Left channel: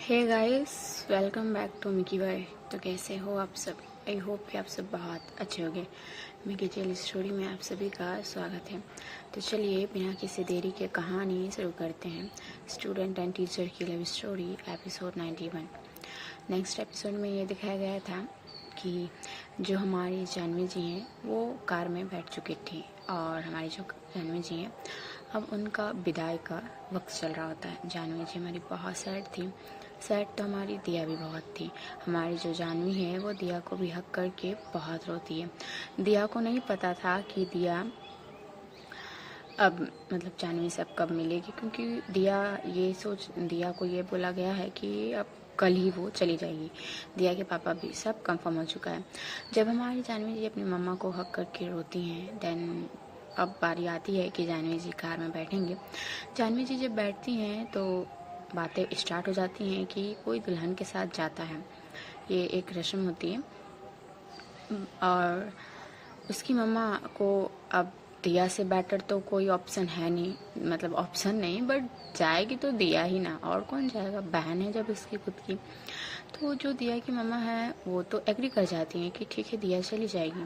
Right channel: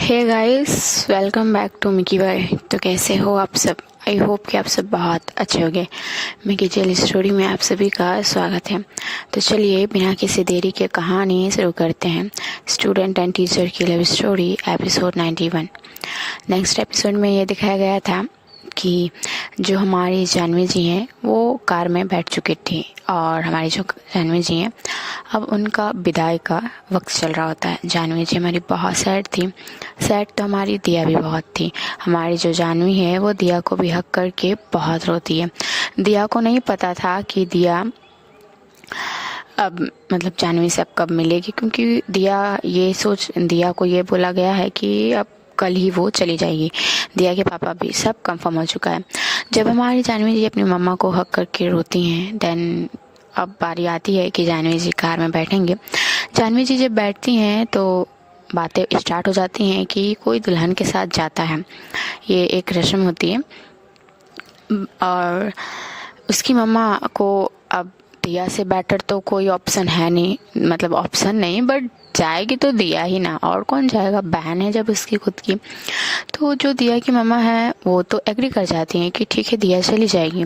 Hey guys, welcome back to Mickey bye. तो कैसे हो आप सब? आई होप कि आप सब बहुत अच्छे होंगे। मिकी जेल स्टोरी में आप सभी का स्वागत है। तो चलिए बिना किसी देरी के कहानी शुरू करते हैं। स्टूडेंट एंड टीचर की love story episode 91। Next episode में ये दिखाया गया था कि जो हमारी जानवी जी हैं वो कार में बैठ चुकी थी और हमारी जो जानवी जी हैं अब उनका विदाई का वक्त चल रहा होता है। जानवी जी हमारी बहुत सैड थी। सैड तो हमारी दिया भी बहुत थी। हमारी जो जानवी है वो दिया को भी हक करके बहुत रोती है। दिया को नहीं पता था कि दिया अब मतलब जानवी से अब कब मिलेगी, क्योंकि दिया को ये बोला गया है कि अब कल ही वो चली जाएगी। दिया के पापा भी सब कंफर्म हो चुका है। जब हमारी जानवी जी अपनी मम्मा को हक करके रोती हैं, देन अब बारी आती है कि जानवी जी कार में बैठेंगे। जानवी जी जब बैठती हैं तो बातें स्टार्ट हो जाती हैं कि कोई दुल्हन के साथ जाता है। ये एक रस्म होती है और उसकी मम्मा को अब दिया से बेटर तो कोई ऑप्शन है नहीं, मतलब ऑप्शन नहीं बट जाएगी तो दिया ही ना, और कौन जाएगा, बहन है जब उसकी खुद की। तो जो दिया की मम्मा है वो तो एग्री कर जाती हैं कि ठीक है दिया चली जाएगी।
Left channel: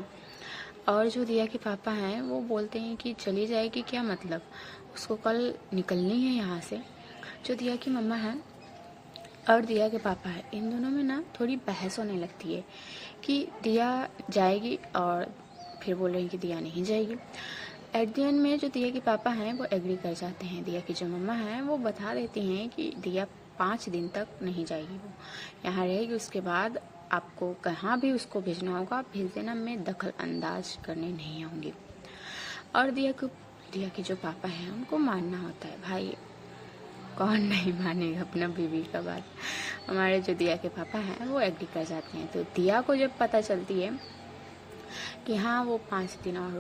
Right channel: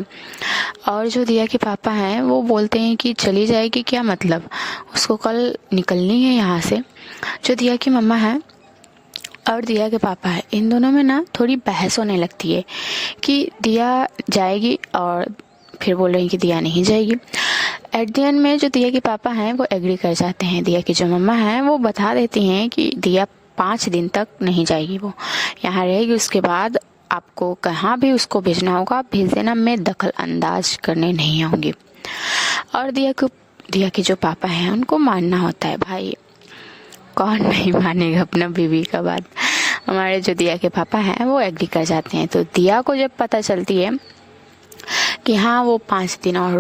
और जो दिया के पापा हैं वो बोलते हैं कि चली जाएगी क्या मतलब, उसको कल निकलनी है यहाँ से। जो दिया की मम्मा है और दिया के पापा है, इन दोनों में ना थोड़ी बहस होने लगती है कि दिया जाएगी और फिर बोल रहे हैं कि दिया नहीं जाएगी। एट द एंड में जो दिया के पापा हैं वो एग्री कर जाते हैं। दिया की जो मम्मा हैं वो बता देती हैं कि दिया 5 दिन तक नहीं जाएगी, वो यहाँ रहेगी। उसके बाद आपको कहाँ भी उसको भेजना होगा आप भेज देना, मैं दखल अंदाज करने नहीं आऊँगी। और दिया के जो पापा हैं उनको मानना होता है। भाई कौन नहीं मानेगा अपना बीवी का बात। हमारे जो दिया के पापा हैं वो एग्री कर जाते हैं। तो दिया को जब पता चलती है कि हाँ वो 5 दिन और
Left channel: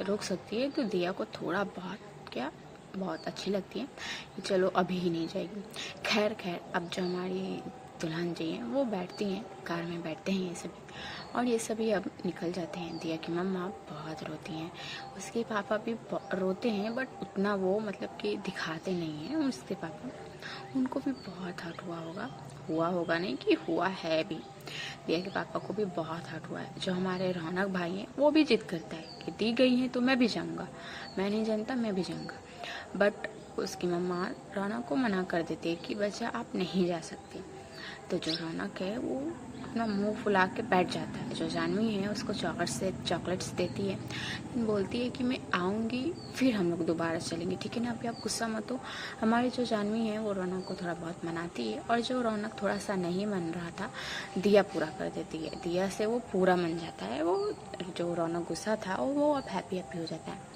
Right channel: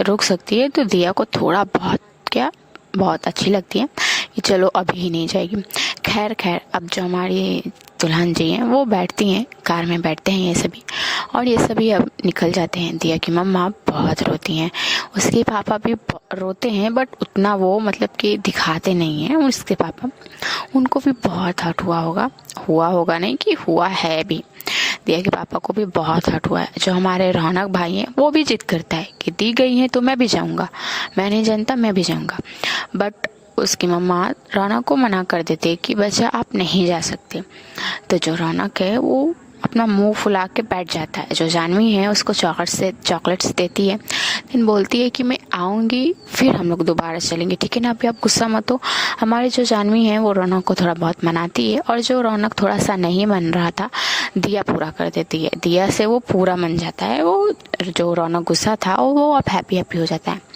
रुक सकती है, तो दिया को थोड़ा बहुत अच्छी लगती है कि चलो अभी ही नहीं जाएगी। खैर अब जो हमारी दुल्हन जी हैं वो बैठती हैं, कार में बैठते हैं ये सभी, और ये सभी अब निकल जाते हैं। दिया की मम्मा बहुत रोती हैं, उसके पापा भी रोते हैं बट उतना वो मतलब कि दिखाते नहीं हैं। उसके पापा, उनको भी बहुत हर्ट हुआ होगा नहीं कि हुआ है भी। दिया के पापा को भी बहुत हर्ट हुआ है। जो हमारे रौनक भाई हैं वो भी जिद करता है कि दी गई है तो मैं भी जाऊंगा, मैं नहीं जानता मैं भी जाऊंगा। बट उसकी मम्मा रौनक को मना कर देते कि बच्चा आप नहीं जा सकते। तो जो रौनक है वो अपना मुंह फुला के बैठ जाता है। जो जानवी है उसको चॉकलेट्स देती है, लेकिन बोलती है कि मैं आऊँगी फिर हम लोग दोबारा चलेंगे, ठीक है ना, अभी आप गुस्सा मत हो। हमारी जो जानवी है वो रौनक को थोड़ा बहुत मनाती है, और जो रौनक थोड़ा सा नहीं मन रहा था दिया पूरा कर देती है। दिया से वो पूरा मन जाता है, वो जो रौनक गुस्सा था वो अब हैप्पी हो जाता है।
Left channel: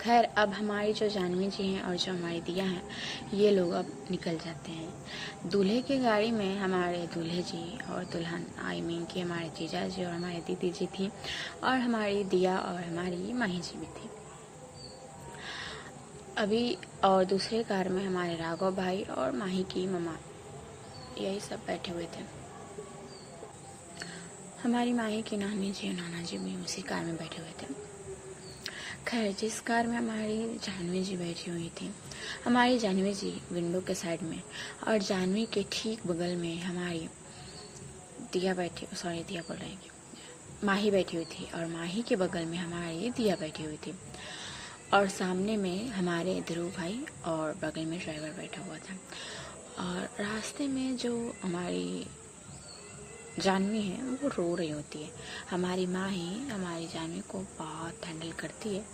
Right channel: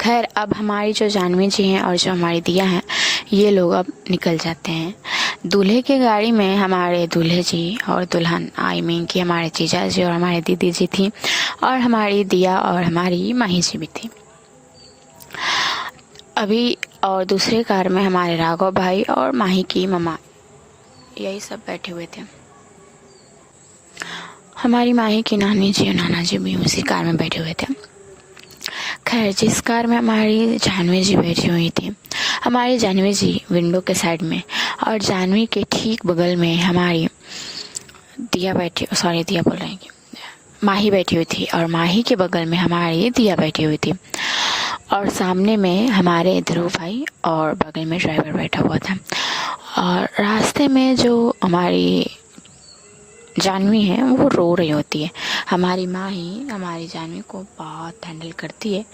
खैर अब हमारी जो जानवी जी हैं और जो हमारी दिया हैं ये लोग अब निकल जाते हैं। दूल्हे की गाड़ी में हमारे दूल्हे जी और दुल्हन, आई मीन कि हमारे जीजा जी और हमारे दीदी जी थी, और हमारी दिया और हमारी माही जी भी थी अभी। और दूसरे कार में हमारे राघव भाई और माही की मम्मा, यही सब बैठे हुए थे। हमारी माही की नानी जी और नाना जी भी उसी कार में बैठे हुए थे। खैर जिस कार में हमारी जानवी जी बैठी हुई थी, हमारी जानवी जी विंडो के साइड में, और जानवी के ठीक बगल में हमारी दिया बोल रही हैं, माही बैठी हुई थी, और माही के बगल में हमारी दिया बैठी हुई थी, और सामने में हमारे ध्रुव भाई और बगल में ड्राइवर बैठा हुआ था। और रास्ते में जो हमारी जानवी है वो रो रही होती है। हमारी माँ ही हमारी जानवी को बहुत हैंडल करती है।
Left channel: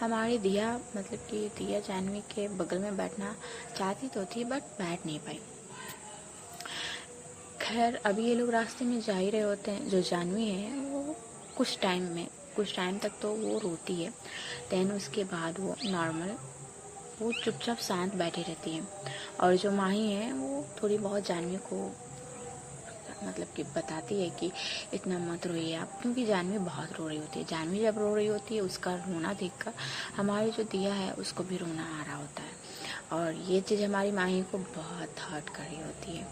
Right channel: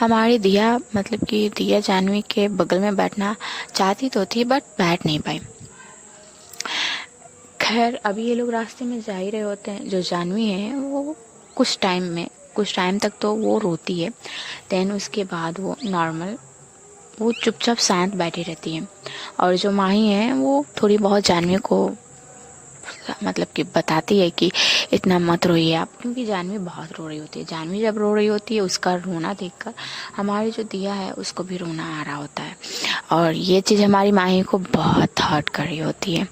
हमारी दिया मतलब कि दिया जानवी के बगल में बैठना चाहती तो थी बट बैठ नहीं पाई। खैर अभी ये लोग रास्ते में जा ही रहे होते हैं। जो जानवी है वो कुछ टाइम तक तो वो रोती है, देन उसके बाद वो चुपचाप शांत बैठी रहती है। और जो माही है वो थोड़ी बहुत जानवी को मतलब कि बताती है कि इतना मत रोइए आप, क्योंकि जानवी बहुत रो रही होती है। जानवी जब रो रही होती है उसका रोना देखकर हमारी जो दिया है उसको भी रोना आ रहा होता है, और ये चीज़ हमारी माही को बहुत हर्ट कर रही होती है।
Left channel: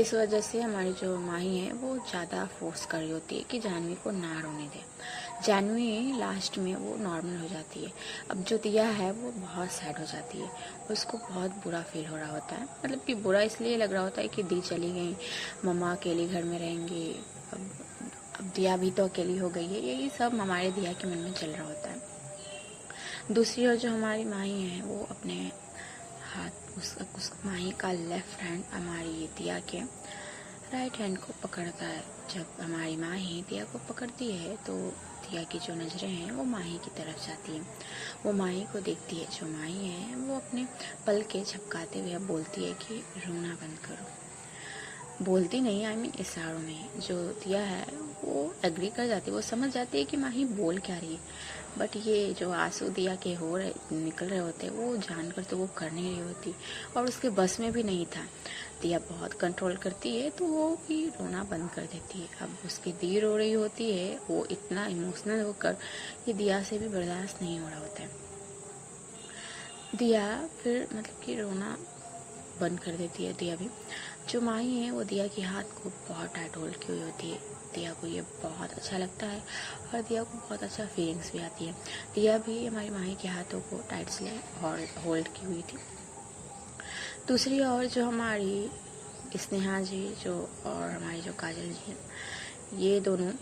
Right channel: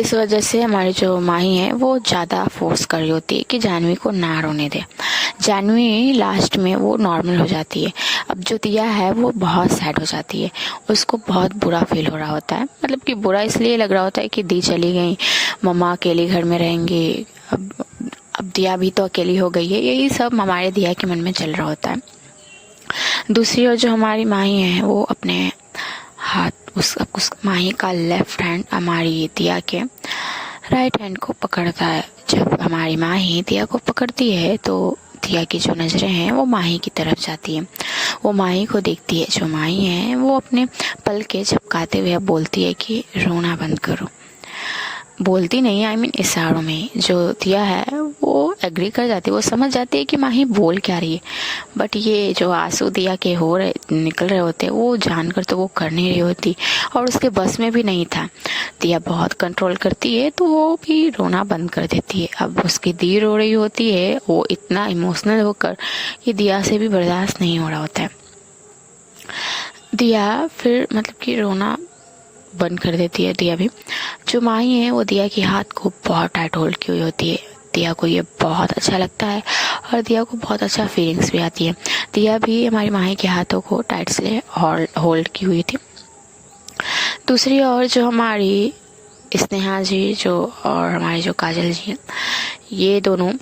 इस वजह से हमारी जो माही है वो ज़्यादा फोर्स कर रही होती है कि जानवी को ना रोने दे। जानवी लास्ट में वो नॉर्मल हो जाती है। अब जो दिया है वो बहुत सैड हो जाती है, उसको बहुत बुरा फील हो रहा होता है। मतलब कि बुरा इसलिए लग रहा होता है कि दी चली गई, मम्मा अकेली घर में रहेंगी, अब दिया भी तो अकेली हो गई है, यही सब हमारे दिया के मन में चल रहा होता है। दूसरी ओर जो हमारी माही है वो अपने हाथ उस माही का लेफ्ट हैंड हमारी दिया के राइट हैंड को पकड़ता है। जब हमारी माही दिया को पकड़ती है तो दिया की जो नज़रें हैं वो माही की तरफ जाती है। वो माही को देखती है। जो माही है वो अपने पल के झपकाते हुए बोलती है कि रोना बंद करो। बोलती नहीं, आई मीन इशारों में। जो दिया है वो एग्री कर जाती है, वो समझ जाती है कि माही बोल क्या रही है। बट ये जो आंसू दिया के निकल रहे होते वो जानकर तो वो कर नहीं रही होती, और उसके बस में भी नहीं था। दिया बहुत कंट्रोल करती है तो वो भी रोना बंद कर देती है। अब उसकी दी रो रही होती है, वो इतना इमोशनल होकर ये दिया से भी बर्दाश्त नहीं हो रहा होता है। दिया फिर मतलब कि रोना बंद कर देती है। दिया भी, जो माही है वो दिया के हाथ को बहुत टाइट होल्ड की हुई होती है। दिया को ये बहुत अच्छा लगता है और दिया को बहुत अच्छा फीलिंग्स भी आती है। दिया भी हमारी माही के हाथों को टाइट से होल्ड की हुई थी। दूसरी ओर जो हमारी स्नेहा जी जो और हमारी जो काजल जी हैं, ये दोनों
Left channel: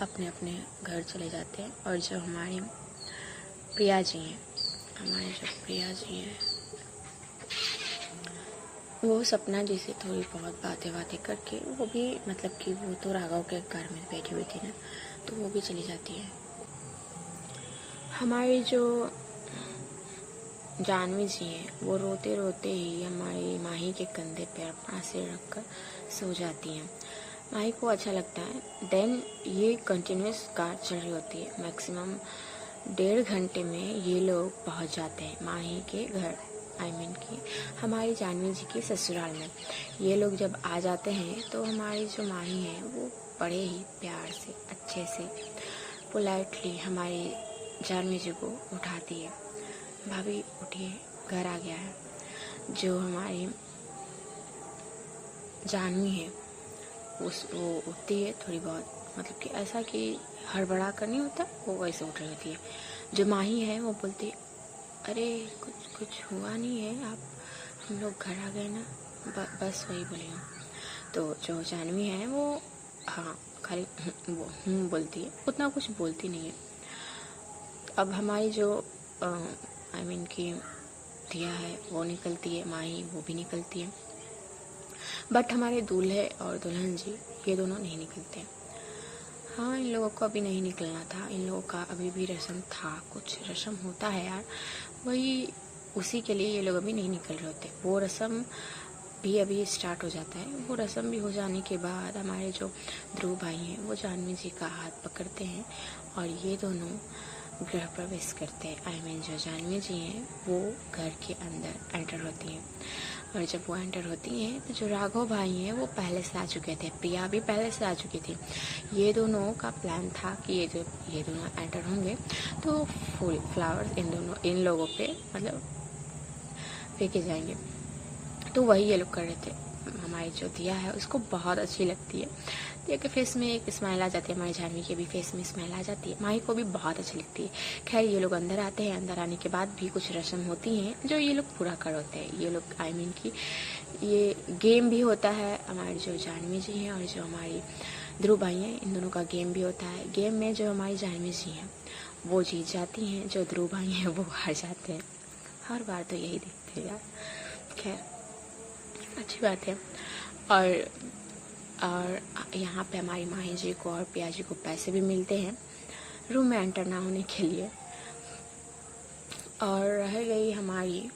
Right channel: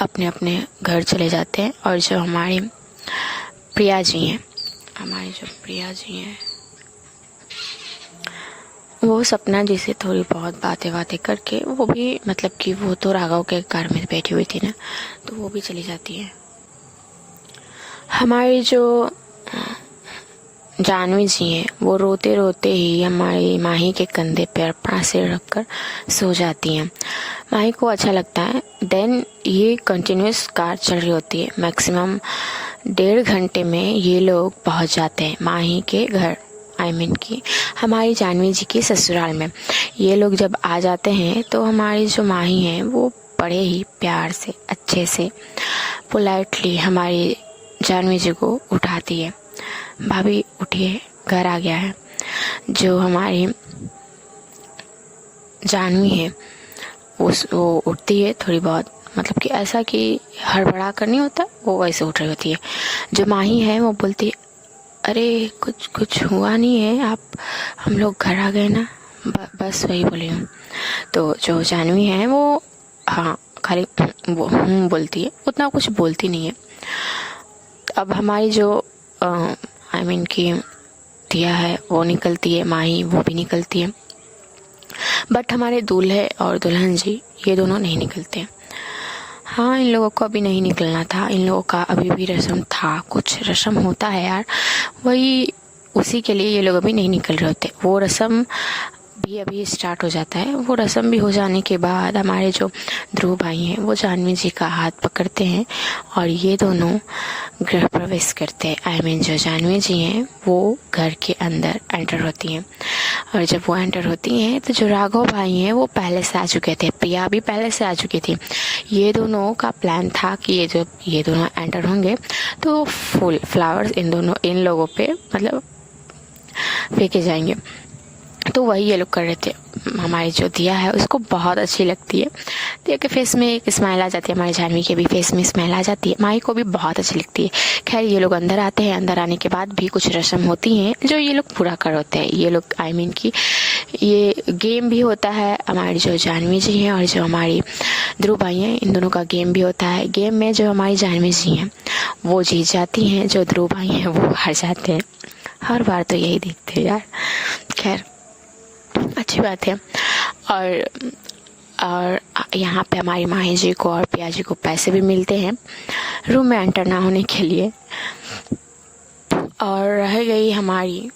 अपने अपने घर चले जाते हैं। और जो हमारी प्रिया जी हैं, वो सपना जी से थोड़ी बहुत बातें करके वो भी मतलब कि वो तो राघव के कार में बैठी हुई थी ना, तो वो भी चली जाती है। हमारी जो जानवी जी हैं वो रोते रोते ही हमारी माही के कंधे पे अपना सिर रखकर सो जाती हैं। माही को अच्छा लगता है। देन ये कंटिन्यूस कार चल रही होती है। मैक्सिमम 1.5 घंटे में ये लोग पहुंच जाते हैं माही के घर, आई मीन की हमारी जानवी जी के ससुराल में। ये लोग जब आ जाते हैं तो हमारी जो माही है वो बड़े ही प्यार से अच्छे से पोलाइटली हमारी जानवी जी को उठाती है। भाभी उठिए, घर आ गया है। जो हमारी जानवी है वो उठती है थोड़ी बहुत, मतलब कि ऐसा कि हड़बड़ा कर नहीं होता, वो वैसे उठ रही होती है। जो माही है वो बोलती है अरे कुछ हुआ नहीं है, आप हम लोग घर आ गए ना, बस वही बोली हूँ। तो जो जानवी है वो हाँ खाली वो बोलती है, उतना कुछ बोलती नहीं है। अब हमारी जो आई मीन की दिया है वो निकलती है, माही वो भी निकलती है। बट हमारे दूल्हे और दुल्हन जी ये दोनों नहीं निकलते। हाँ, इन लोगों को अभी नहीं निकलना था। इन लोगों का अभी भी रस्म था, कुछ रस्म होता है यार, वही उसी के लिए ये लोग अभी नहीं निकल रहे होते। वो रस्म भी अभी स्टार्ट हो जाता है। वो रस्म भी हो जाने के बाद हमारे जो ध्रुव भाई हैं वो जानवी जी का हाथ पकड़ते हैं और ये दोनों गृह प्रवेश करते हैं। आई मीन जो जानवी जी हैं वो घर के अंदर एंटर होती हैं। और जब वो एंटर होती हैं तो जो राघव भाई हैं वो पहले से आ चुके थे, प्रिया भी पहले से आ चुकी थी। ये दोनों का प्लान था कि ये दोनों एंटर होंगे तो फूल फ्लावर्स इन लोगों पे मतलब फेंके जाएंगे। तो वही ये लोग कर रहे थे। हमारी जो दिया है उसको बहुत अच्छी लगती है। दिया के फेस में एक स्माइल आ जाती है, हमारी जानवी के भी फेस में स्माइल आ जाती है, माही को भी बहुत अच्छी लगती है। खैर ये लोग अंदर आते हैं। अंदर आने के बाद भी कुछ रस्म होती हैं जो ये लोग पूरा कर होते हैं। ये लोग आई मीन की ये गेम भी होता है। हमारी जो जानवी जी हैं और जो हमारी ध्रुव भाई हैं इन दोनों का गेम भी होता है। गेम में जो हमारी जानवी जी हैं वो जीत जाती हैं, जो ध्रुव भाई हैं वो हार जाते हैं। हर बार तो यही देखते हैं यार, खैर अच्छी बात है। और यहाँ पे हमारी माही जी को और पिया जी को पैसे भी मिलते हैं रूम में एंटर ना होने के लिए। और रह गई हमारी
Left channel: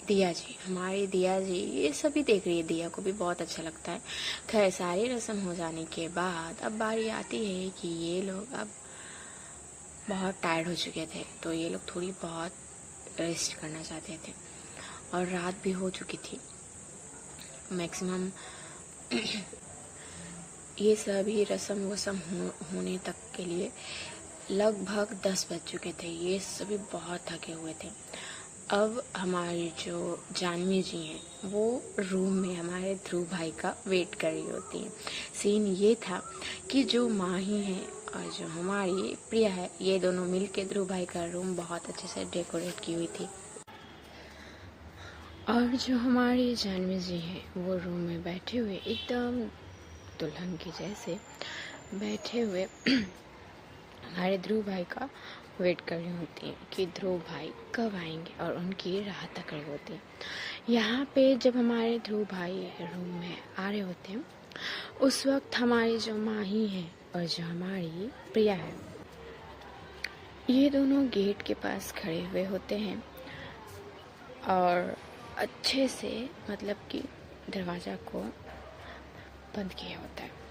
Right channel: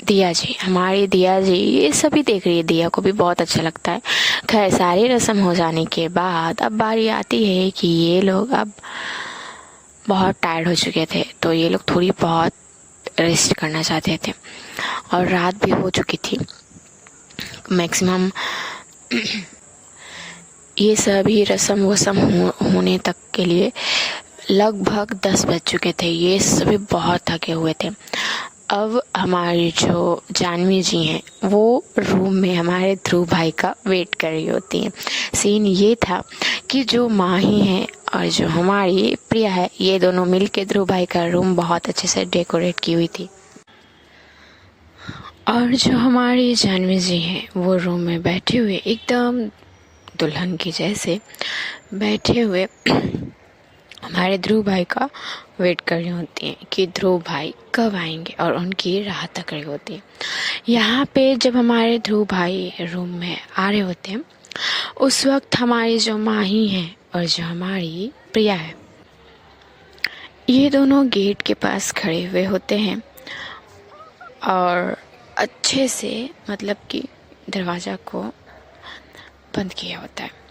दिया जी। हमारी दिया जी ये सभी देख रही है, दिया को भी बहुत अच्छा लगता है। खैर सारी रस्म हो जाने के बाद अब बारी आती है कि ये लोग अब बहुत टायर्ड हो चुके थे, तो ये लोग थोड़ी बहुत रेस्ट करना चाहते थे और रात भी हो चुकी थी। मैक्सिमम ये सभी रस्म वसम होने तक के लिए लगभग 10 बज चुके थे। ये सभी बहुत थके हुए थे। अब हमारी जो जानवी जी हैं वो रूम में हमारे ध्रुव भाई का वेट कर रही होती हैं। सीन ये था कि जो माही है और जो हमारी प्रिया है, ये दोनों मिलके ध्रुव भाई का रूम बहुत अच्छे से डेकोरेट की हुई थी। और जो हमारी जानवी जी हैं वो रूम में बैठे हुए एकदम दुल्हन की जैसे बैठे हुए हमारे ध्रुव भाई का वेट कर रही होती हैं कि ध्रुव भाई कब आएंगे, और उनकी राह तक रही होती है। यहाँ पे जब हमारे ध्रुव भाई रूम में आ रहे होते हैं, उस वक्त हमारी जो माही है और जो हमारी प्रिया है, ये दोनों गेट के पास खड़े हुए होते हैं और अच्छे से मतलब कि दरवाज़ा को बंद किया होता है।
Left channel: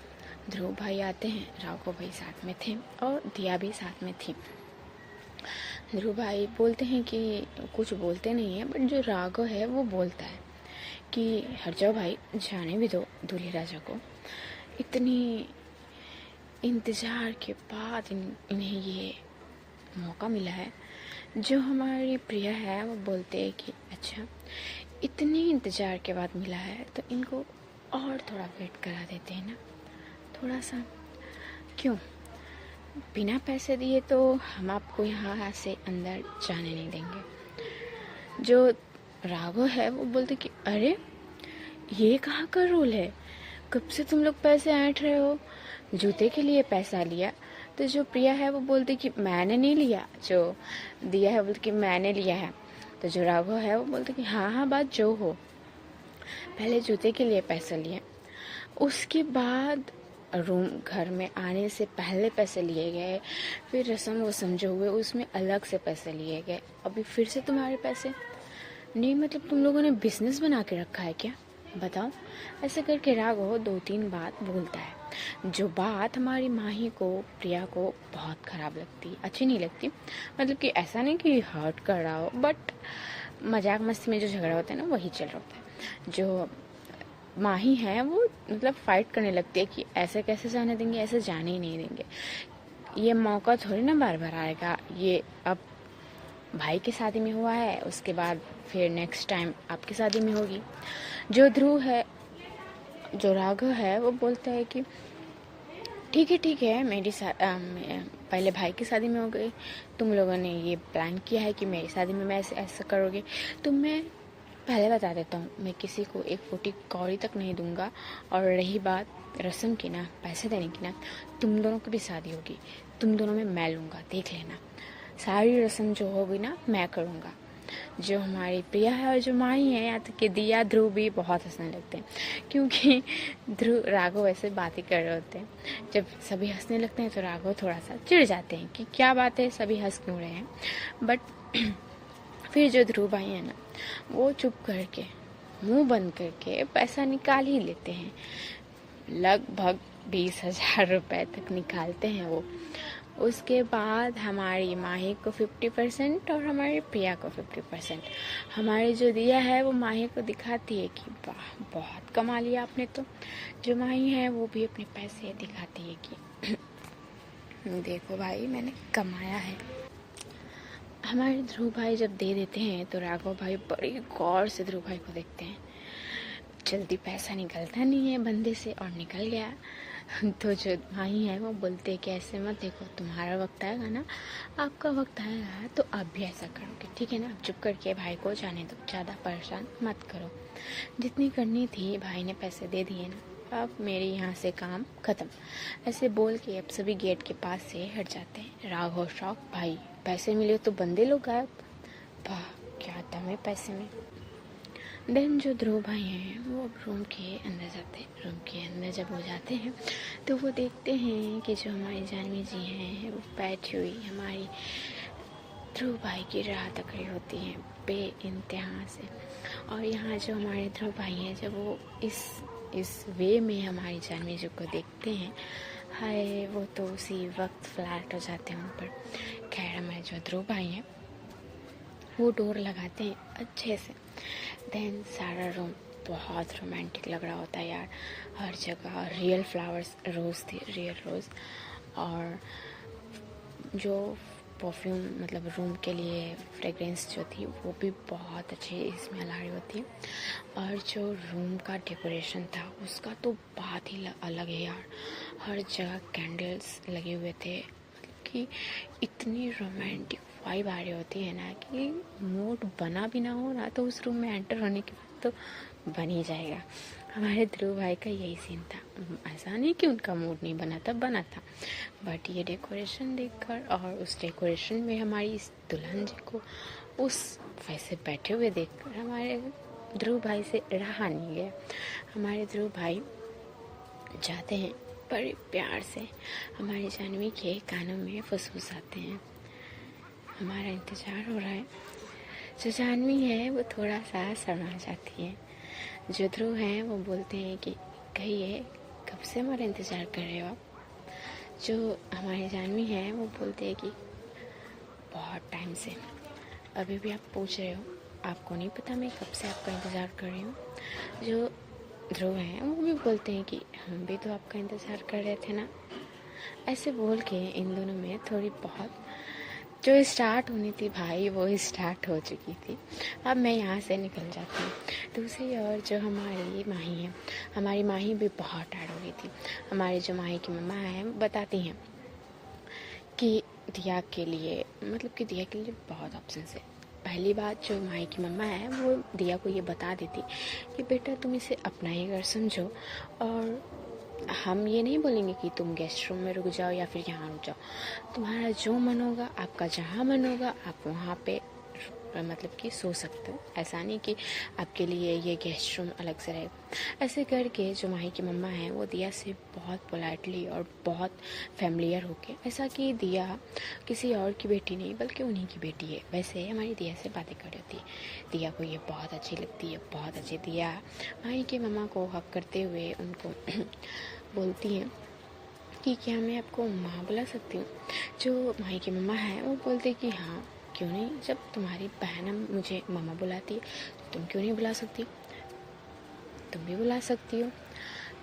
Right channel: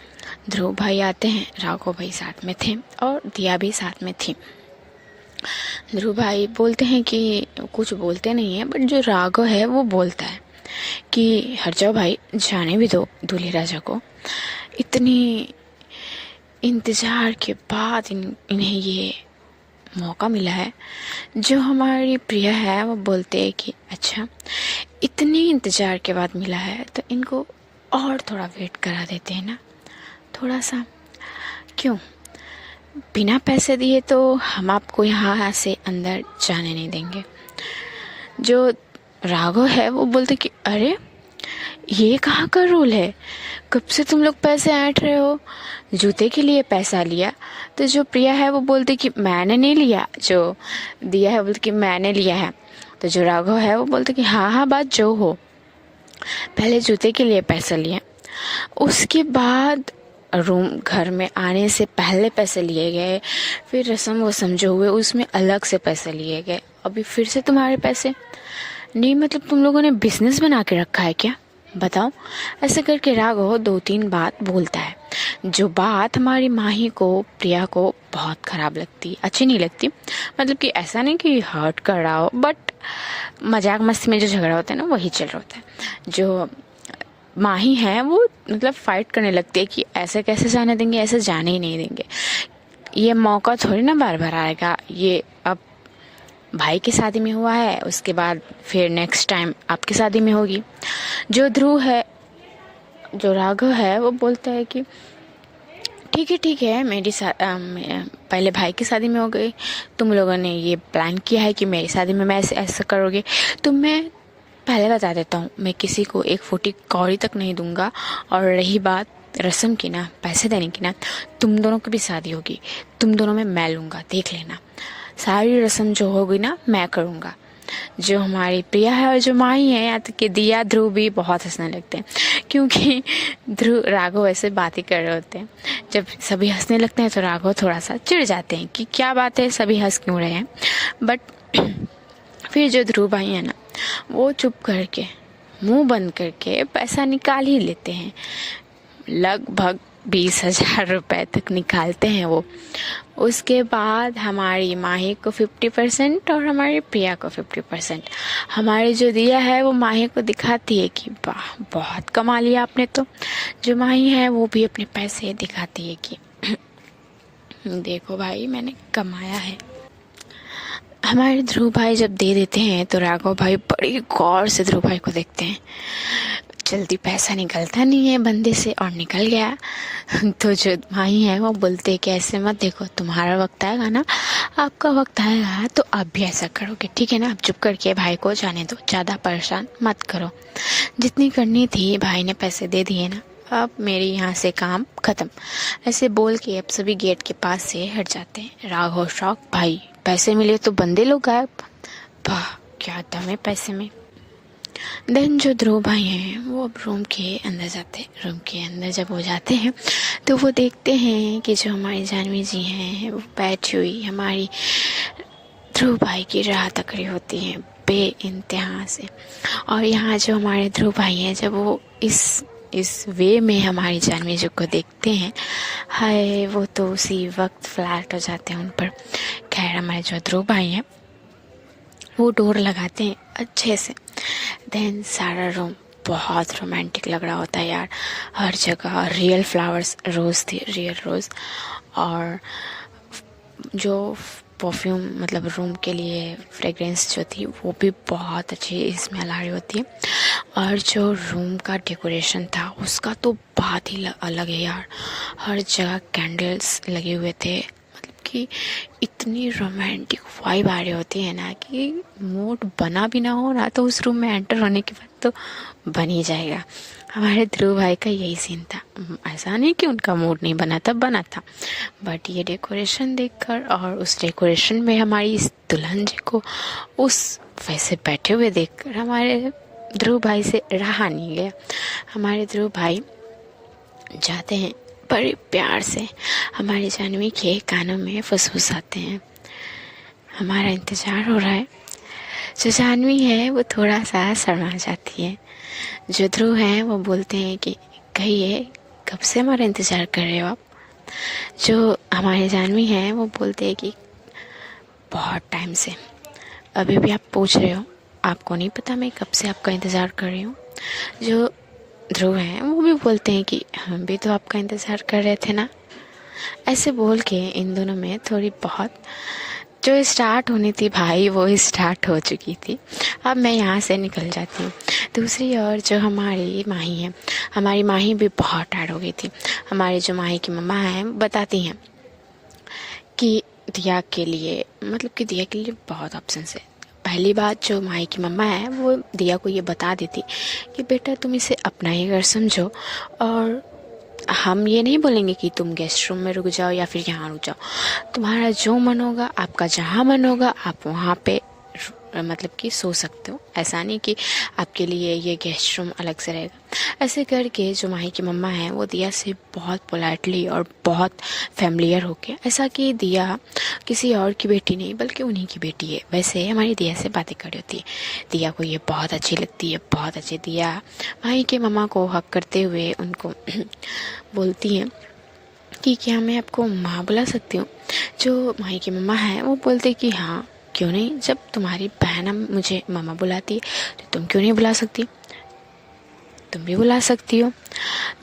ध्रुव भाई आते हैं, राघव भाई साथ में थे और दिया भी साथ में थी। ध्रुव भाई बोलते हैं कि कुछ बोलते नहीं है, बट जो राघव है वो बोलता है कि हट जाओ भाई, जाने भी दो दूल्हे राजा को। इतनी इंतज़ार के बाद इन्हें ये मौका मिला है। जो हमारी प्रिया है वो बोलते हैं कि अच्छा, इतने इंतज़ार के बाद मिला है तो इनको और थोड़ा वेट करा देते हैं ना, थोड़ा सा। क्यों? बिना पैसे दिए तो हम आपको यहाँ से अंदर जाने नहीं देंगे। जो राघव है वो बोलते कि अरे, ये कहाँ का रूल है? कब से तुम लोग पैसे ऐंठ रहे हो? जूते के लिए पैसा लिया। तो जो प्रिया है वो बोलती कि मैंने नहीं लिया। जो दिया है बोलती कि मैंने लिया है। तो जो राघव है वो बोलते कि हाँ हाँ, बात जो हो, पहले जूते के लिए पैसा लिया, उसके बाद रूम घर में आने से पहले पैसे लिए गए, फिर रस्म वसम जो हुए उसमें अलग से पैसे लिए गए, अभी फिर से तुम्हारे पैसे नहीं। मतलब तुम लोगों ने बिजनेस बना के रखा है क्या? बताओ। ऐसे करके राघव 2-3 बात बोलता है, जो बात हमारी माही को, प्रिया को बहुत ख़राब लगती, अच्छी नहीं लगती। मतलब कि ऐसा नहीं कि हर्ट कर रहा हो, बट मजाक मस्ती में जो झगड़ा होता है ना, वही चल रहा होता है। जो माही है वो मतलब फाइट करने लगती है कि ऐसे कैसे जाने देंगे, ऐसे जाने ही नहीं देंगे, ये मौका थोड़ी ना बार बार आएगा। ये अब भाई की शादी में हुआ है, उसके बाद फिर नेक्स्ट टाइम आपकी शादी में होगी। जो ध्रुव है, जो राघव है, वो बोलता है कि ठीक है, मेरी पहले भाई की शादी में हो गई, तुम लोगों ने ये प्लान किया है कि मेरी शादी में मैं ऐसा करोगे, तो मैं पहले बता देता हूँ, मैं किसी को 1 फुटी कौड़ी तक नहीं दूंगा। और रही बात रस्म की ना, पैसे देने की ना, तुम दोनों की भी शादी होगी, तुम दोनों में मैं लूँगा, देख लेना। सारी रस्म जो होगी ना, मैं करूँगा। जो हमारी प्रिया है और जो माही है, या तो कि दिया, ध्रुव भी बहुत हंसने लगते हैं, क्योंकि ध्रुव राघव ऐसे बातें कर रहे होते हैं। जब सभी हंसने लगते हैं तो राघव थोड़ा सा चिढ़ जाते हैं कि क्या बात है, सभी हंस क्यों रहे हैं। बट फिर जो ध्रुव भाई है ना, वो चुप करके मुंह बंद करके पैसा निकाल ही लेते हैं। लगभग 20,000 रुपये तक निकालते हैं वो। उसके बाद हमारी माही को 50% और हमारी प्रिया को 50%। हमारी जो दिया है वो माही को दिखाती है कि वाह, बहुत कमा लिया आपने। तो जो माही है वो भी अपने पैसे दिखाती है कि देखो भाई, मैंने कमाया है। हमारे ध्रुव भाई जब दे देते हैं तो राघव भाई बड़ी गौर से ध्रुव भाई को देखते हैं। जल्दी पैसा निकलता नहीं है बंदे से, और निकल गया। तो जो माही है वो बोलते कि ऐसे मत देखो, तुम्हारा वक्त आएगा ना, आपका वक्त आएगा तो आप भी ऐसा करोगे, ठीक है ना। आप चुप करके भाई को जाने दो, ज़्यादा परेशान मत करो। जितनी करनी थी भाई ने पैसे दे दिए ना, अब मेरे यहाँ से काम ख़त्म। ऐसे बोल के अब सभी गेट के पास से हट जाते हैं। राघव शौक, भाई पैसे मिले तो बंदे लोग गायब, वाह क्या दम है पैसे में। देन जो ध्रुव भाई हैं वो अब रूम के अंदर जाते हैं। रूम के अंदर जब वो जाते हैं तो वो देखते हैं कि जो हमारी जानवी जी हैं वो बैठी हुई हमारी ध्रुव भाई की राह तक रही होती हैं बेइंतहा से। और यहाँ जो हमारे ध्रुव भाई हैं, जब वो इस वे में हमारी जानवी जी को देखते हैं, हाय वो तो उसी वक्त फ्लैट हो जाते हैं उन पर। खैर हमारे जो ध्रुव भाई हैं वो डोर लगाते हैं अच्छे से। देन सारा रूम बहुत रोमांटिक लग रहा होता है यार। हर जगह रियल फ्लावर्स, रोज़ थे, रियल रोज़। और जो परफ्यूम मतलब रूम के लिए फ्रेग्रेंस जो थी वो भी बहुत अच्छी स्मेल आ रही होती है। और जो रूम का डेकोरेशन था उसका तो बात ही अलग है यार। हर जगह कैंडल्स लगे हुए थे, मतलब कि इतनी रोमांटिक वाइब आ रही होती है ना कि मूड बना भी ना हो ना तो उस रूम में एंटर होने के बाद तो बन ही जाएगा। हमारे ध्रुव भाई का यही सीन था। ऐसा नहीं कि उनका मूड नहीं बना था, बना था, बट ये डेकोरेशन देखकर और उस डेकोरेशन में हमारी इस दुल्हन जी को उस वैसे बैठे हुए देखकर हमारे ध्रुव भाई से रहा नहीं गया। हमारे ध्रुव भाई जाते हैं बड़े प्यार से हमारी जानवी के कानों में फुसफुसाते हैं, हमारा इंतज़ार हो रहा है। जो जानवी है वो थोड़ा सा शर्मा जाती है। जो ध्रुव हैं वो बोलते हैं कि कहिए कब से हमारा इंतज़ार कर रहे हो आप। जो हमारे जानवी हैं वो बोलते हैं कि बहुत टाइम से। अभी भी आप पूछ रहे हो, आपको नहीं पता मैं कब से आपका इंतज़ार कर रही हूँ। जो ध्रुव हैं वो भी बोलते हैं कि हम भी तो आपका इंतज़ार कर रहे थे ना। ऐसे बोल के इन दोनों में थोड़ी बहुत जो स्टार्ट होनी थी भाई वो स्टार्ट हो चुकी थी। अब मैं यहाँ से निकल जाती हूँ। दूसरी ओर जो हमारी माही है, हमारी माही भी बहुत टायर्ड हो गई थी। हमारी जो माही की मम्मा हैं बताती हैं कि दिया के लिए मतलब कि दिया के लिए बहुत ऑप्शंस है। पहली बात जो माही की मम्मा है वो दिया को ये बता देती कि बेटा तुम इसे अपना ही घर समझो, और हम ये नहीं बोलेंगे कि तुम गेस्ट रूम में रुक जाओ या फिर यहाँ रुक जाओ। तुम्हारा जो मन होगा, आपका जहाँ मन होगा आप वहाँ पे मतलब कि सो सकते हो। ऐसा नहीं कि आपके लिए ये गेस्ट रूम अलग से रहेगा। ऐसे करके जो माही की मम्मा है वो दिया से बहुत पोलाइटली और बहुत फैमिलियर होके, ऐसा कि दिया किसी और की बेटी नहीं बल्कि उन्हीं की बेटी है, वैसे हमारी दिया से बातें कर रही होती है। दिया को ये बहुत अच्छी लगती है, बहुत अच्छी। दिया माही के मम्मा को हक करते हुए उनको बोलती है कि क्या मैं आपको माँ बुला सकती हूँ। जो माही की मम्मा है वो बोलते कि हाँ क्यों नहीं, जब तुम्हारी बहन मुझे मामा बुलाती है तो तुम क्यों नहीं बुला सकती, तुम भी बुला सकती हो।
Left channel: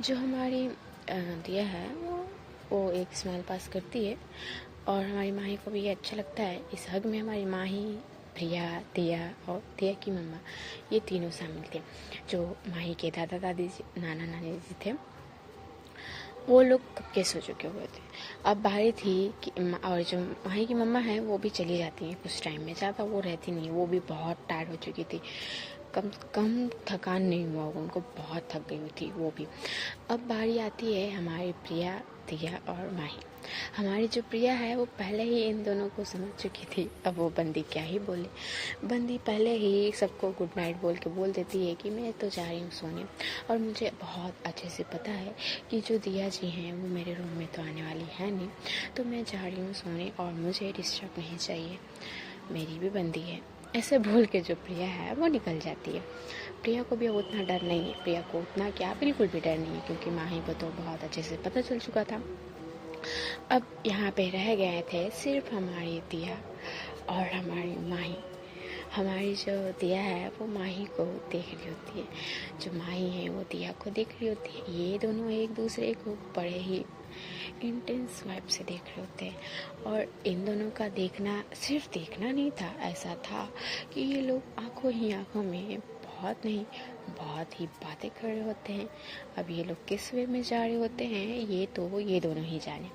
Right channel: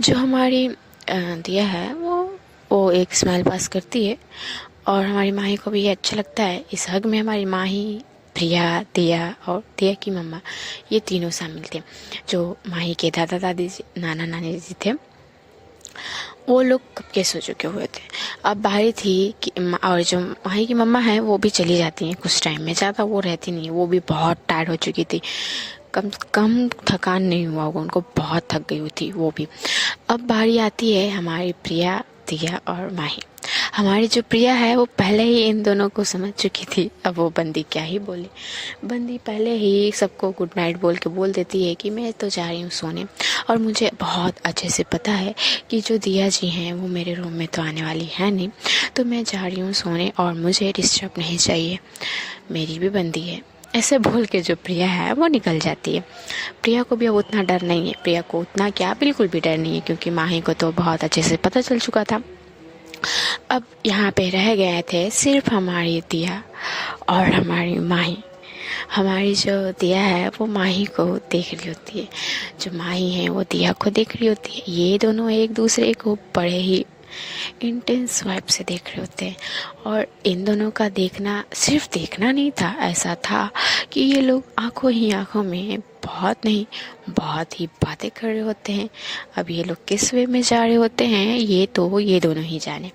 जो हमारी दिया है वो एक स्माइल पास करती है और हमारी माही को भी ये अच्छा लगता है। इस हग में हमारी माही, प्रिया, दिया और दिया की मम्मा ये तीनों शामिल थे। जो माही के दादा दादी नाना नानी जी थे वो लोग कब के सो चुके हुए थे। अब बारी थी कि और जो माही की मम्मा है वो भी चली जाती हैं कुछ टाइम में, ज़्यादा वो रहती नहीं, वो भी बहुत टायर्ड हो चुकी थी। कम थकान नहीं हुआ होगा उनको, बहुत थक गई हुई थी वो भी। अब बारी आती है हमारी प्रिया, दिया और माही। हमारी जो प्रिया है वो पहले ही इन दोनों को समझ चुकी थी। अब वो बंदी क्या ही बोले, बंदी पहले ही सबको गुड नाइट बोल के बोल देती है कि मैं तो जा रही हूँ सोने, और मुझे बहुत अच्छे से पता है कि जो दिया जी हैं वो मेरे रूम में तो आने वाली है नहीं, तो मैं जा रही हूँ सोने और मुझे डिस्टर्ब नहीं चाहिए, मेरी भी बंदी है। ऐसे भूल के जो प्रिया है वो निकल जाती है। प्रिया को भी अब उतना डर नहीं है, प्रिया को उतना क्या बिल्कुल भी डर नहीं है, क्योंकि माही को तो बहुत अच्छे से पता चल चुका था। अब यहाँ पे रह गए थे सिर्फ हमारी दिया और हमारी माही। हमारी जो दिया है वो माही को देख रही होती है, जो माही है वो दिया को देख रही होती है। ये दोनों एक दूसरे को बड़े ही इंटेंस वाइब से देख रहे होते हैं। और इन दोनों का देखना सिर्फ देखना नहीं था, ऐसा था कि ये लोग आंखों ही आंखों में बहुत नहीं बहुत ही बातें कर रहे होते हैं। अब ये लोग किस वे में जा रहे होते हैं ये तो ये दोनों ही जाने।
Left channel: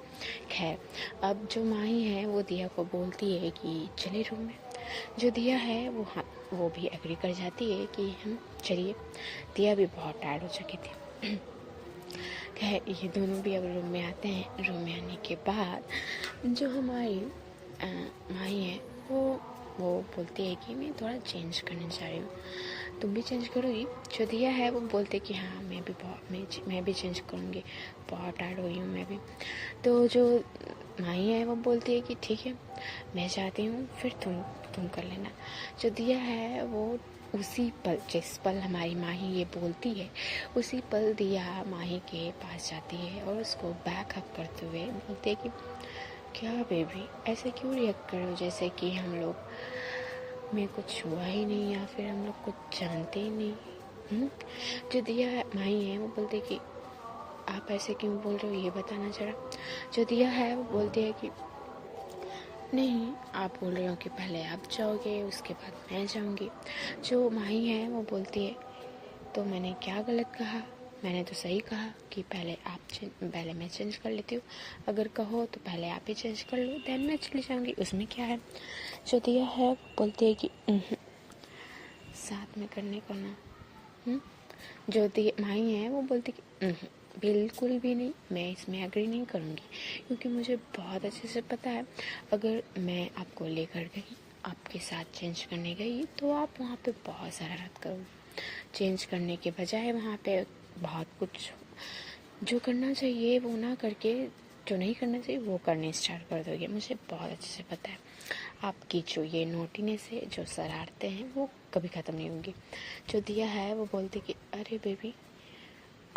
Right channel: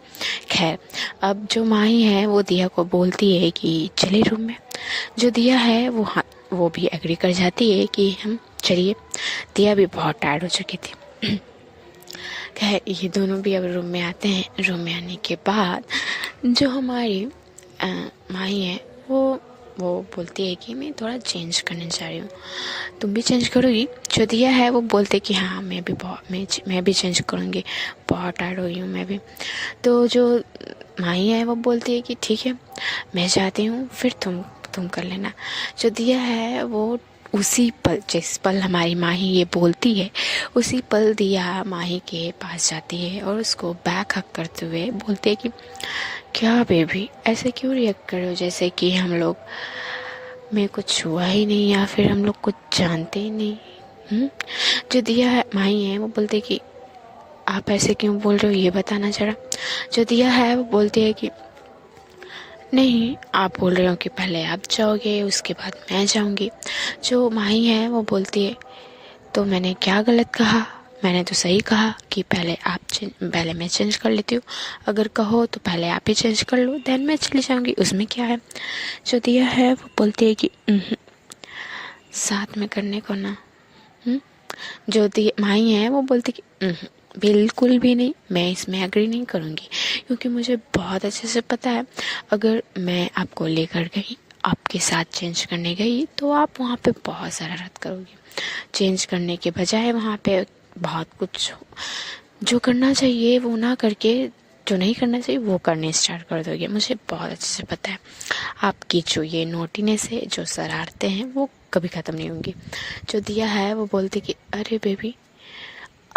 खैर अब जो माही है वो दिया को बोलती है कि चले रूम में। जो दिया है वो हाँ वो भी एग्री कर जाती है कि हम चलिए। दिया भी बहुत टायर्ड हो चुकी थी। खैर ये दोनों भी अब रूम में आते हैं। रूम में आने के बाद जो हमारी माही है वो बोलती है कि मैं थोड़ा चेंज करने जा रही हूँ, तुम भी चेंज करोगी। जो दिया है वो बोलते कि हाँ मैं भी चेंज करूँगी, बहुत टायर्ड हो गई हूँ मैं भी। तो जो माही है वो बोलती है कि ठीक है मैं जाती हूँ, फिर तुम कर लेना। जो दिया है वो उसी पल, जिस पल हमारी माही ये बोलती है उसी पल दिया माही के पास जाती है और उसको बैक हक करते हुए बोलते है कि क्या बेबी ऐसे क्यों रिएक्ट कर रहे हो, जैसे कि हम लोग में कुछ हुआ ही नहीं या फिर हम लोग कुछ जानते ही नहीं। जो दिया है माही है वो बोलते कि आप ऐसे क्यों बोल रहे हो ये बताना जरा। जो दिया है वो बोलती है कि नहीं, आप बोल रहे हो कि पहले आप जाओगे उसके बाद मैं जाऊंगी। जो माही है वो बोलती है तो मैंने क्या गलत कहा? मैंने तो सही कहा कि पहले मैं चेंज कर लेती हूँ। अगर कहो तो पहले आप ही चेंज कर लो, देन मैं चली जाऊंगी, उसमें क्या है। जो दिया है वो बोलती है कि साथ में करने को ना। जो माही है वो बोलती कि बिल्कुल भी नहीं, मैं इसमें एग्री नहीं करूँगी, क्योंकि मुझे बहुत अच्छे से पता है अगर मैं आपको लेकर गई, आपके साथ चेंज करने गई, तो आप वहाँ पे बहुत शरारत करोगी। चेंज करने के बजाय वहाँ पे बहुत कुछ जो करना चाहिए वो ना करके जो नहीं करना चाहिए वो करने स्टार्ट कर दोगे। मुझे बहुत अच्छे से पता है आपकी जो ये नोटीनेस है, जो शरारतें हैं, वो कभी ख़त्म नहीं होंगी। जो दिया है वो बोलती कि अरे बेबी,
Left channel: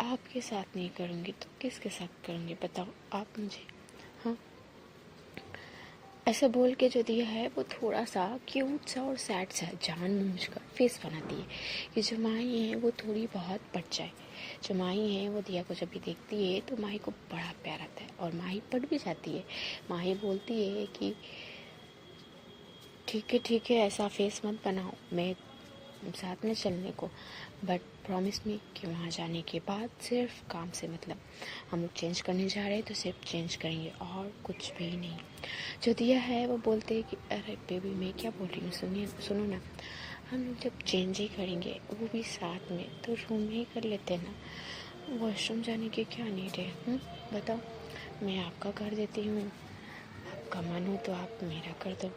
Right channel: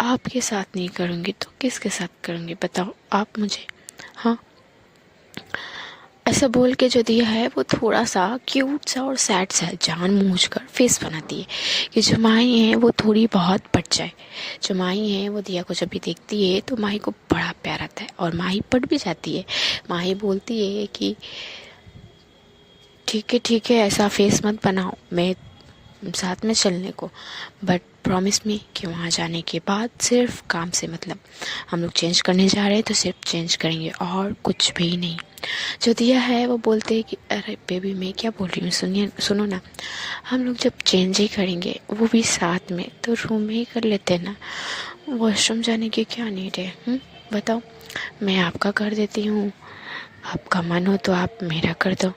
आपके साथ नहीं करूँगी तो किसके साथ करूँगी बताओ आप मुझे। हाँ, ऐसा बोल के जो दिया है वो थोड़ा सा क्यूट सा और सैड सा जान मूझ कर फेस बनाती है कि जो माही है वो थोड़ी बहुत पट जाए। जो माही है वो दिया को जब भी देखती है तो माही को बड़ा प्यार आता है और माही पट भी जाती है। माही बोलती है कि ठीक है, ऐसा फेस मत बनाओ, मैं साथ में चलने को, बट प्रॉमिस मी कि वहाँ जाने के बाद सिर्फ काम से मतलब, हम लोग चेंज करने जा रहे हैं तो सिर्फ चेंज करेंगे और कुछ भी नहीं। जो दिया है वो बोलते हैं कि अरे बेबी, मैं क्या बोल रही हूँ, सुनिए, सुनो ना, हम लोग जब चेंज ही करेंगे वो भी साथ में, तो रूम में ही कर लेते हैं ना, वॉशरूम जाने की क्या नीड है। बताओ, मैं आपका कर देती हूँ, आपका मन हो तो आप मेरा कर दो।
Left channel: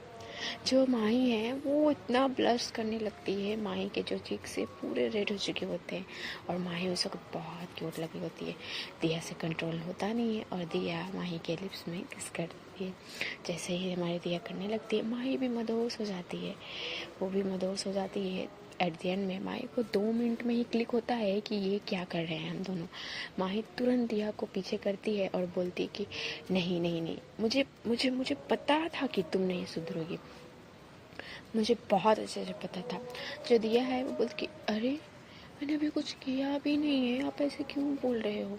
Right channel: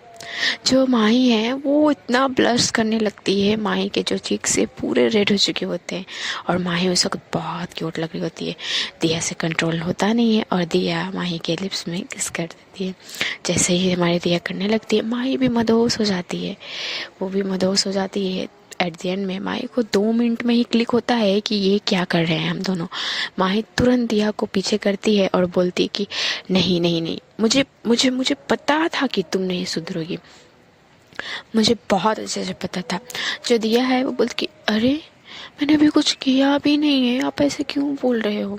जो माही है वो इतना ब्लश करने लगती है, माही के जो चीक से पूरे रेड हो चुके होते हैं और माही उस वक्त बहुत क्यूट लग रही होती है। दिया से कंट्रोल होता नहीं है और दिया माही के लिप्स में किस कर देती है। जैसे ही हमारी दिया करने लगती है, माही भी मदहोश हो जाती है, वो भी मदहोश हो जाती है। एट द एंड में माही को 2 मिनट में ही क्लिक होता है कि ये क्या कर रहे हैं हम दोनों। माही तुरंत दिया को पीछे करती है और बोलती है कि नहीं नहीं नहीं, मुझे मुझे मुझे पता था कि तुम नहीं सुधरोगी, मुझे बहुत अच्छे से पता था। जो दिया है वो बोलती कि अरे, मैंने अभी कुछ किया भी नहीं है, आप ऐसे क्यों बोल रहे हो।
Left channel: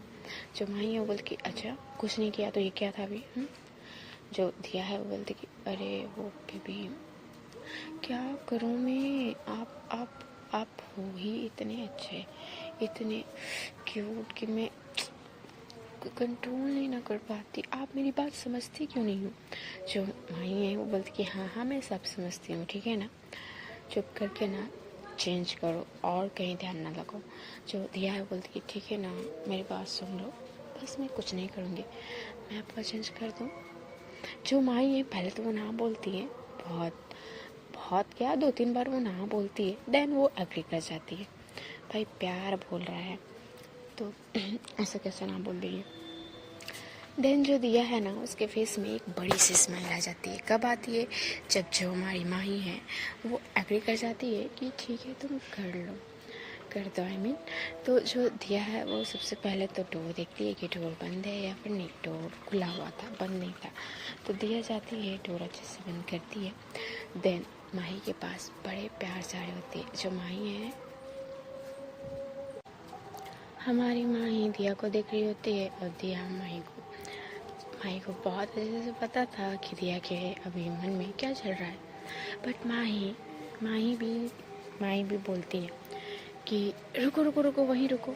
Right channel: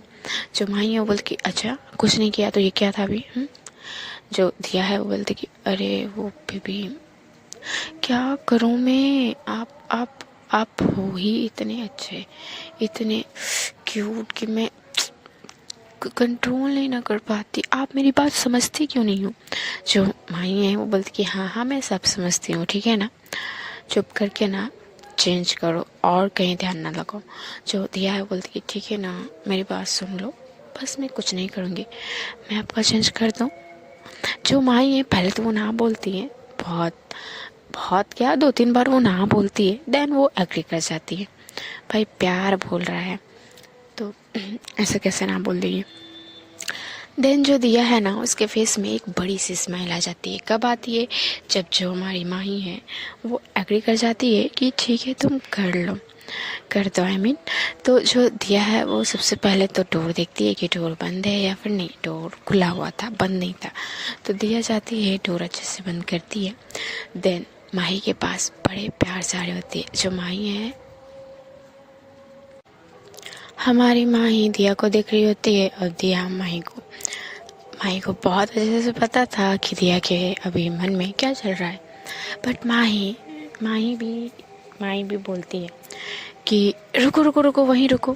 जो माही है वो बोलती कि अच्छा, कुछ नहीं किया तो ये क्या था अभी। जो दिया है वो बोलती कि अरे वो बेबी, क्या करूँ मैं, आप हो ही इतने अच्छे, इतने क्यूट कि मैं कंट्रोल नहीं ना कर पाती, आप मेरी बात समझती क्यों नहीं हो। जो माही है वो बोलती कि हाँ हाँ, मैं सब समझती हूँ, ठीक है ना, चुप करके ना चेंज करो और कहीं ध्यान ना लगाओ। जो दिया है बोलती कि ठीक है ना, मेरी बात सुन लो, बस मैं कुछ नहीं करूँगी, मैं आपका चेंज कर दूँ। जो माही है पहले तो वो ना बोलती है, बहुत बहुत क्या 2-3 बार वो ना बोलती है, देन वो एग्री कर जाती है। भाई प्यार बोल रहा है तो ऐसा कैसे ना बोल देगी। देन जो दिया है ना, उसके फेस में एक बड़ी सी स्माइल आ जाती है। कब आती है? जब जो हमारी माही है वो एग्री कर जाती है कि ठीक है तुम कर लो, कर दो, आई मीन। तो जो दिया है वो सबसे पहले तो डोर देखती है कि डोर बंद है या फिर नहीं, डोर खुला हुआ था, बंद नहीं था। तो दिया जाती है, डोर अच्छे से बंद करती है, देन माही के पास बड़े प्यार से आ रही होती है। जो माही है, हमारी माही दिया को देख रही होती है और दिया माही को बहुत अच्छे से पता था कि दिया के अभी मन में क्या चल रहा है। बट माही भी बोलती है कि रुको रुको रुको, वहीं रुको।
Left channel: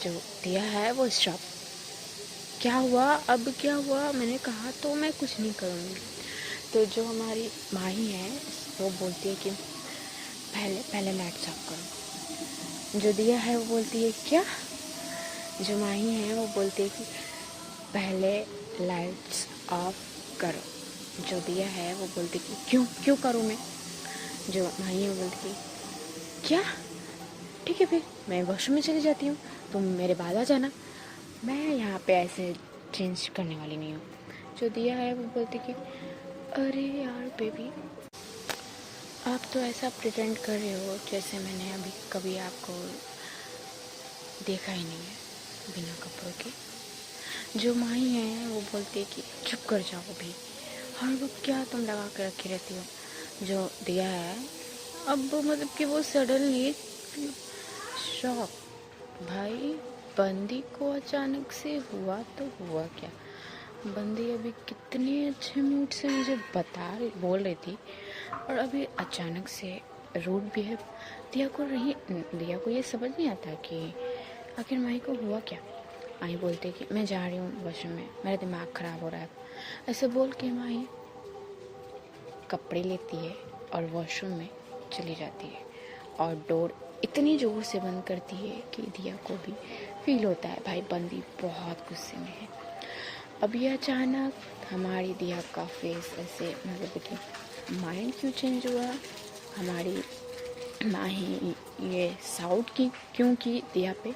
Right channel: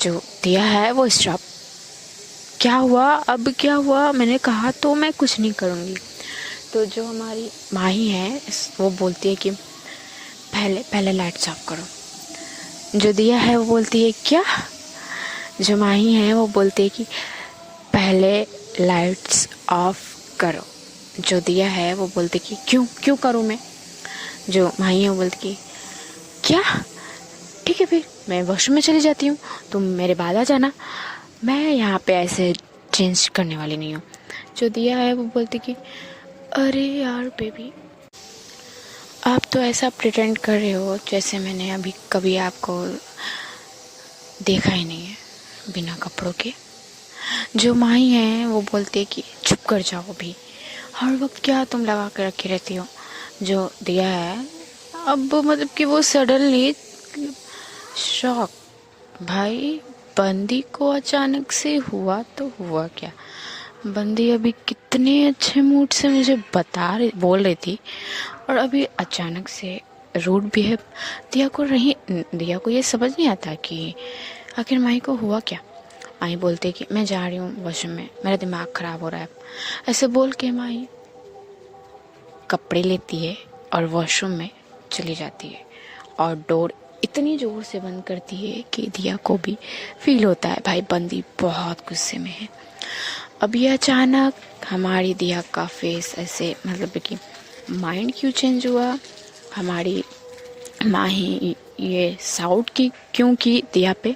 जो दिया है वो स्टॉप, क्या हुआ, अब क्या हुआ, मैंने कहा तो मैं कुछ नहीं करूँगी। तो जो हमारी माही है वो बोलती है कि पहले पहले लाइट ऑफ करो। जो दिया है वो बोलती है क्या। जो माही है वो बोलती है कि पहले लाइट्स ऑफ करो। जो दिया है वो बोलती कि क्यों क्यों करूँ मैं। जो माही है वो बोलती कि क्या, ठीक है फिर मैं वॉशरूम में चली जाती हूँ, तुम मेरे बाद आ जाना, मैं यहाँ पे ऐसे चेंज करने वाली नहीं हूँ। जो दिया है वो बोलती कि अरे यार बेबी, आप तो ऐसा प्रिटेंड कर रहे हो जैसे मैंने अभी कभी आपको देखा ही नहीं है बिना कपड़ों के। जो माही है वो बोलती है कि चुप कर जाओ, अभी हर वक्त क्या तुम लगा के रखी रहती हो। जो दिया है अब मतलब कि वो सडनली शॉक, भाई बंदी को अचानक से हुआ तो हुआ क्या, बंदी अभी कितने अच्छे मूड से मुझे बोल रही थी, और अभी अचानक से रूड बिहेव। दिया को ये समझ नहीं आता कि आखिर माही को हुआ क्या। माही बोलते कि मैं जा रही हूँ वॉशरूम में, मेरा दिमाग ख़राब हो रहा है। ऐसे बोल के माही कपड़े लेती है और वॉशरूम में चली जाती है, और डोर इतनी ज़ोर से बंद करती है कि दिया को भी फील होता है भाई बंदी बहुत गुस्से में है। अभी अचानक हमारी दिया का फेस ऐसे, मतलब कि माइंड क्यों चेंज हुआ, हमारी माही ये साउट की क्यों की दिया पे,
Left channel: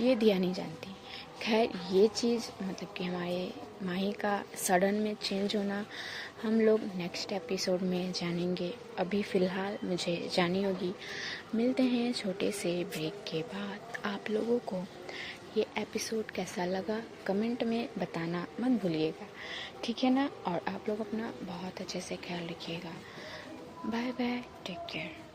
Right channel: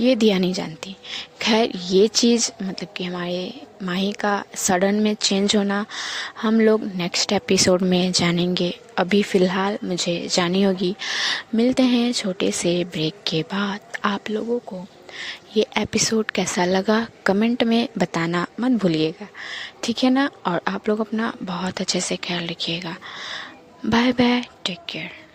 ये दिया नहीं जानती। खैर ये चीज़ मतलब कि हमारे माही का सडन में चेंज होना हम लोग नेक्स्ट एपिसोड में जानेंगे। अभी फ़िलहाल मुझे जानी होगी। मिलते हैं छोटे से ब्रेक के बाद। आप लोगों को ये एपिसोड कैसा लगा कमेंट में बताना मत भूलिएगा, ठीक है ना। और आप लोग अपना बहुत अच्छे से ख्याल रखिएगा। Bye bye, take care.